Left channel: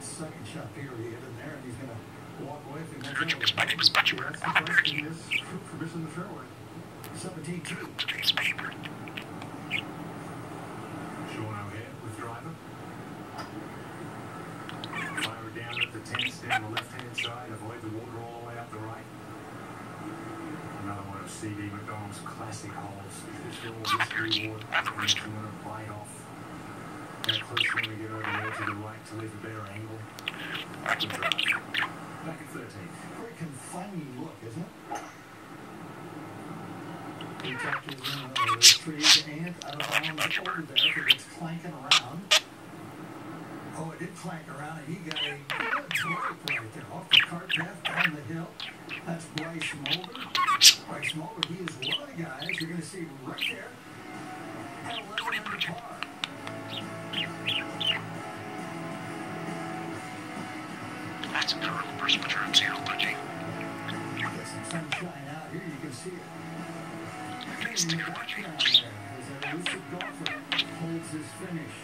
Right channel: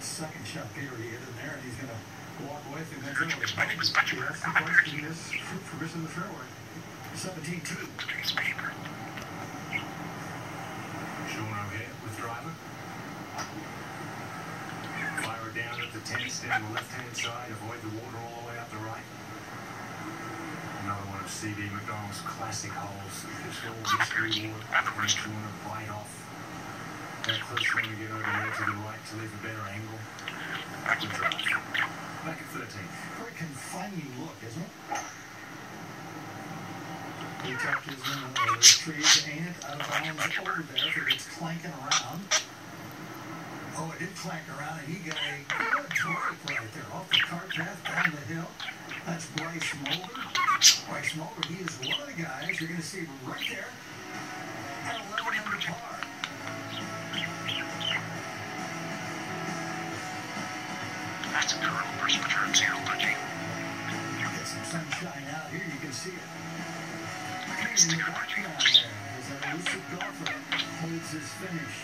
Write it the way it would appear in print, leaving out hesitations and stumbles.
second shot period in there, and he's going to walk away from that. That's the question is for missing the fairway. 17-2. Sean O'Hare with driver. Fire it down at the 10, down the left-hand side, avoid the water all the way up the right. Another one of C.D. McDonald's classic holes. It's all mystery water. And you want to bite off. That close when you get over there to the right to leave a better angle. Good drive. Back at 13. Very confining look, isn't it? He touches the trees and out of bounds over there if it's clanking around. Oh, it did clank around, and he got a good break right there off the cart path down the hill. That's Bryce Mulder. Bryce Mulder, he is one of the guys you're going to see right there at 11 under par. That's a curve versus return zero, Budgie. Get some sunshine out here, you can see it. In the background there, as a lucid golfer holds his finish.